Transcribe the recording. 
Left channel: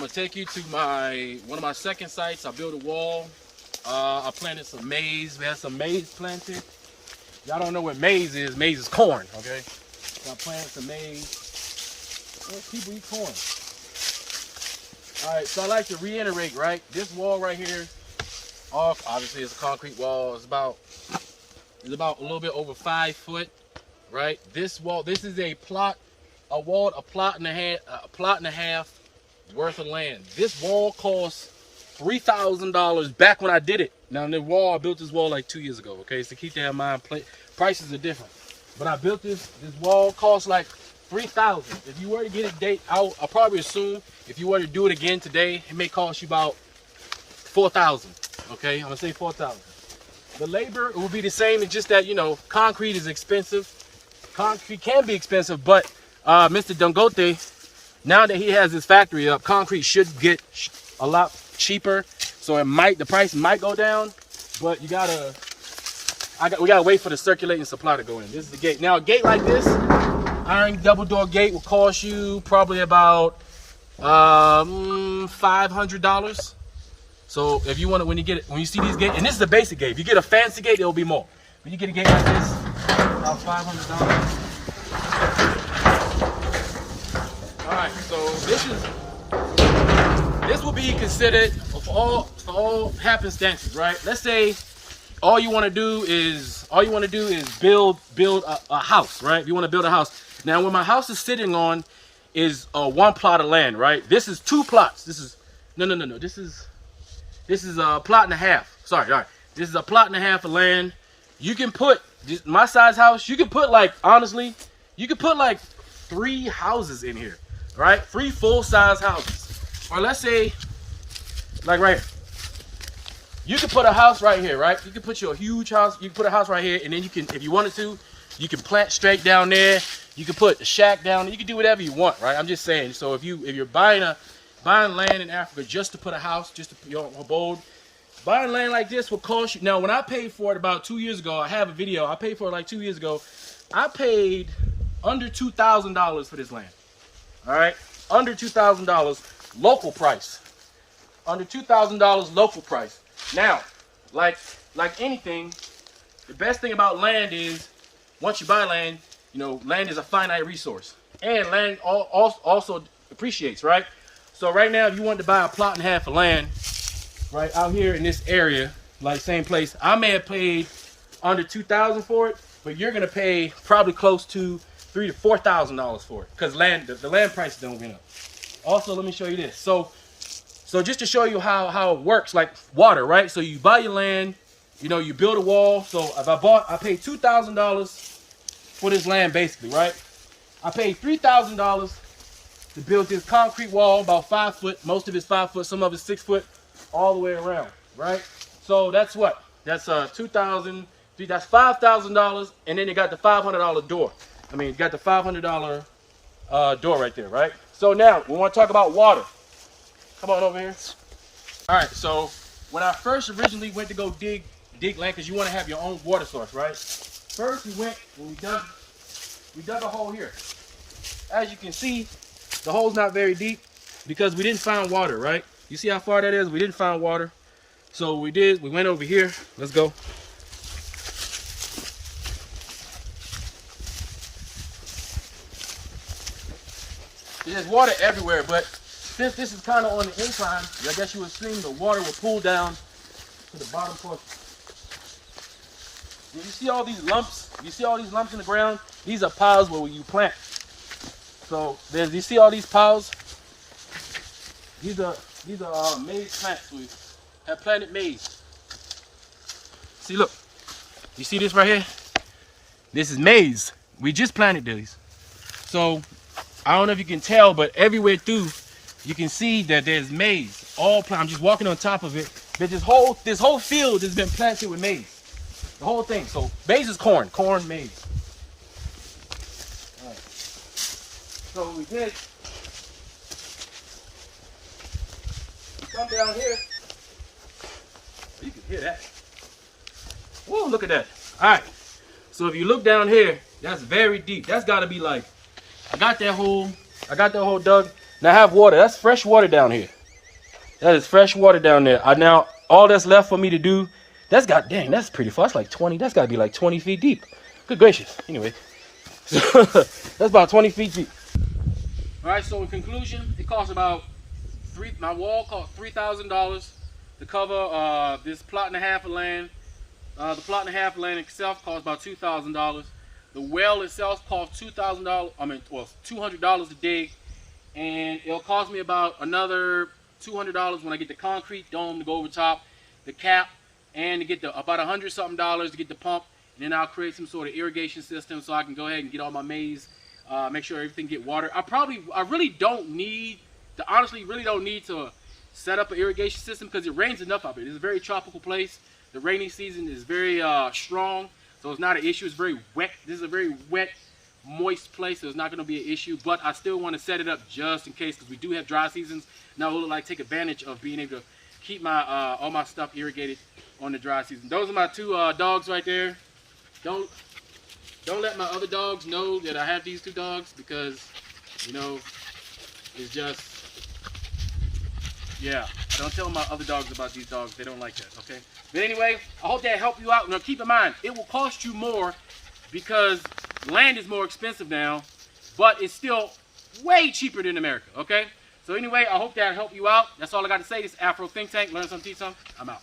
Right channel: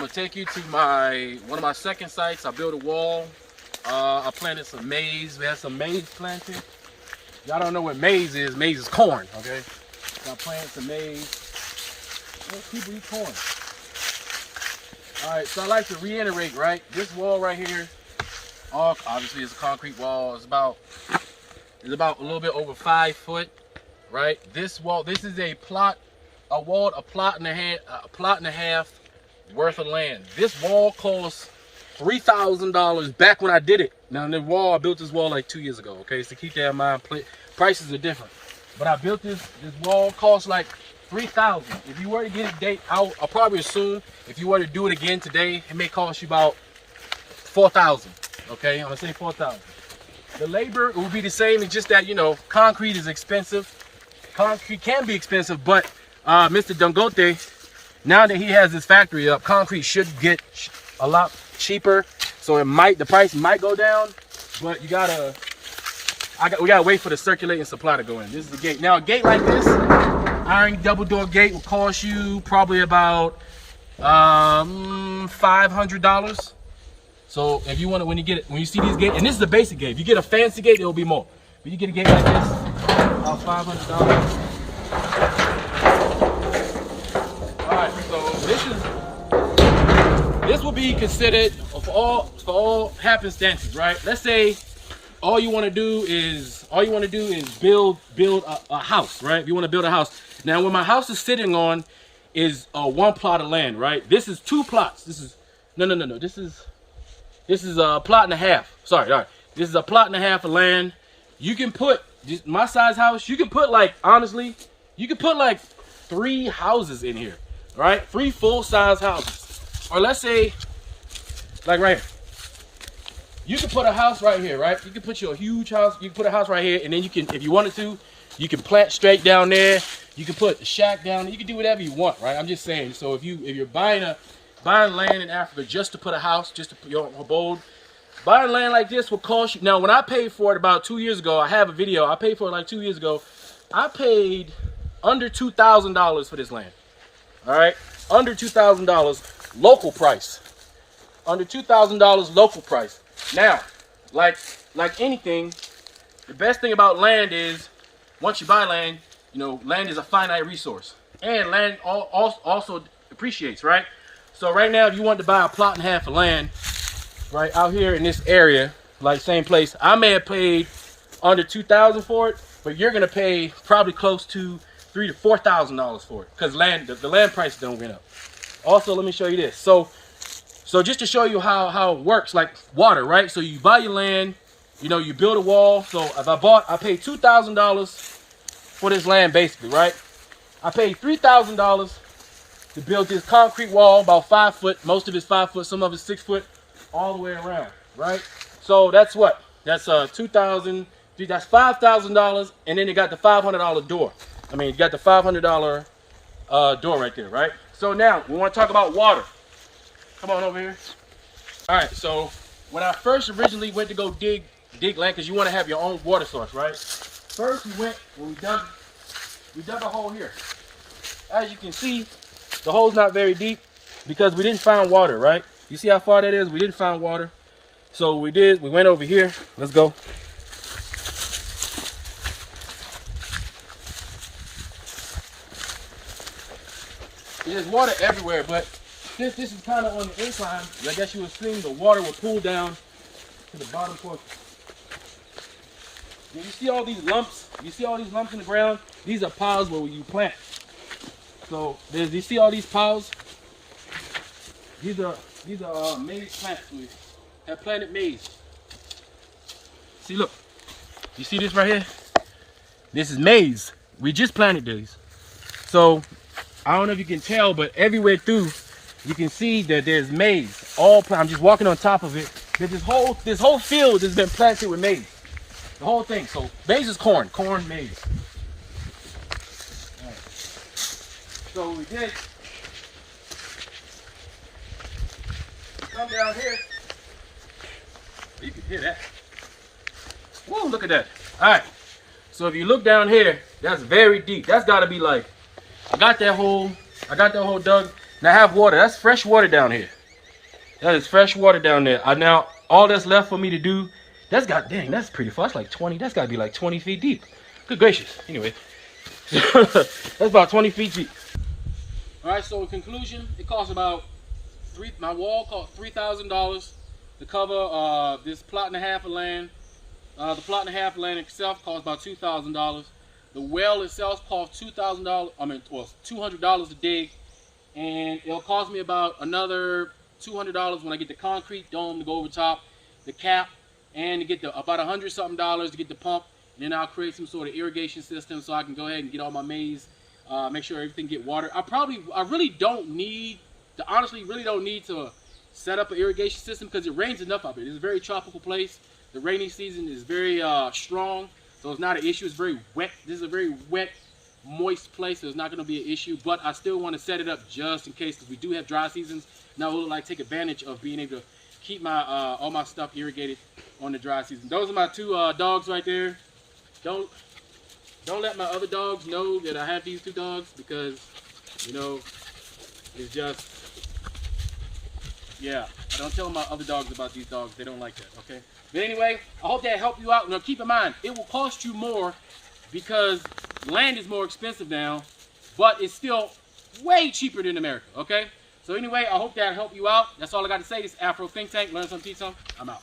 I'm gonna take you to one of my second sites. I built a wall. I planted some maize. We had some maize planted. Y'all don't know what maize is. Maize is corn, okay? So I planted some maize. Well, people eat corn. All right, so I like to reiterate, right? This wall right here, obviously it's a concrete wall. It's about a little bit over 5 foot, right? This wall, this is a plot and a half worth of land. This wall cost $3,000 back when I did it. Now the wall, I built this wall like 2 years ago, okay? So keep that in mind. Prices are different. But I built this wall, cost like $3,000. If you were to get it I'll probably assume if you were to do it again today, it may cost you about $4,000. Okay, I'm gonna say $4,000. The labor will be the same. It's just that, you know, concrete is expensive. Concrete can be expensive, but Mr. Dangote, now that he has his factory up, concrete should get a lot cheaper. So the price might go down, but we gotta wait for the circulating supply to go in. This is the gate. Now a gate like this, iron double door gate, will cost you probably about $500. So if you want to, when you see these gates, and this is a basic gate. If you get a fancy gate, it will be more. When you get a gate like this, about $500. All right, so this will be considered for all happenstances, right? Let's say all you want to do is build a house, right? If you want to build a house. Now, where my house is sitting on is one plot of land, right? This is 2 plots. This is no. This is a plot and a half. Sorry, all right. This is a plot and a half of land. You can put my size house. You can put like, honestly, you could put like 3 houses in here, right? 3 full-size houses. Or let's say, like right here. You could put a house right here, right? You could put your huge house. You can put a house right here, and then you can, if you wanted to, you can plant straight down there. You can put a shack down there. You can do whatever you want, right? I'm just saying. So if you're buying land in Africa just to put a house, just to put your abode, buying land like this will cost you. Now, when I paid for it about 2 years ago, I have a video. I paid for it like 2 years ago. I paid under $2,000 for this land. All right, under $2,000 local price. Under $2,000 local price. Now, like anything, the best thing about land is once you buy land, you know, land is a finite resource, and land also appreciates, right? So right now, if you want to buy a plot and a half of land, right out here in this area, like same place, I may have paid under $2,000 for it, but you're gonna pay probably close to $3,000 to $4,000 for it, because the land price don't went up. Also, let me show you this. So just to show you how it works, like water, right? So you buy your land, you know, you build a wall. So if I paid $2,000 for this land, basically, right? I paid $3,000 to build this concrete wall, about 5 foot. Most of it's 5 foot, some of it's 6 foot, all the way around, right? So that's what? That's $2,000. That's $5,000, and then you got the $500 door. I mean, you got the $500 door right there, right? So now we want to talk about water. Come on over here. All right. So when I first originally went to go dig land, because you want to have your own water source, right? First we dug a hole here. As you can see, the hole's not very deep because we didn't find water, right? You see how far that is? We didn't find water. So we went over here. Let's go. There's water everywhere, but since this is kind of on the incline, I guess you would assume the water will pool down to the bottom portion. You see all these lumps? You see all these lumps in the ground? These are piles where you plant. So you see all these piles? These are maize plants. We have planted maize. See, look. You see this right here? This is maize. We just planted these. So I don't know if you can tell, but everywhere through, you can see that there's maize. I'm just walking on top of it. But this whole field has been planted with maize. The whole thing. So maize is corn, maize. All right. So we did. Come down here. You can hear that. Whoa, look at that. All right. So if you look down here, that's very deep. That's got to be like, I got that hole dug. Now I have water. That's fresh water down here. That is fresh water down there. Now all that's left for me to do, that's pretty far. That's like 20. That's got to be like 20 feet deep. Good gracious. Anyway, that's about 20 feet deep. All right. So in conclusion, it costs about my wall cost $3,000 to cover this plot and a half of land. The plot and a half of land itself costs about $2,000. The well itself costs $2,000. Well, $200 to dig, and it'll cost me about another $200 when I get the concrete dome to go over top, the cap, and to get about $100-something to get the pump, and then I'll create some sort of irrigation system so I can go ahead and get all my maize, make sure everything get water. I really don't need to set up an irrigation system because it rains enough up here. It's a very tropical place. The rainy season is very strong, so it's not an issue. It's very wet. This is a very wet, moist place, so it's not going to be an issue, but I still want to set it up just in case, because we do have dry seasons. Now we'll like take advantage of being able to keep my all my stuff irrigated on the dry season. Those are my two dogs right there. Don't let my other dogs know that I have these two dogs, because you know, it's just, yeah, I don't tell my other dogs about these dogs. They don't like that, okay? But anyway, I hope that helped you out. Now keep in mind, it will cost you more because land is more expensive now, but it's still way cheaper than America, okay? So anyway, I hope that helped you out. That's all I got to say. This is Afro Think Tank. Learn something, teach something. I'm out.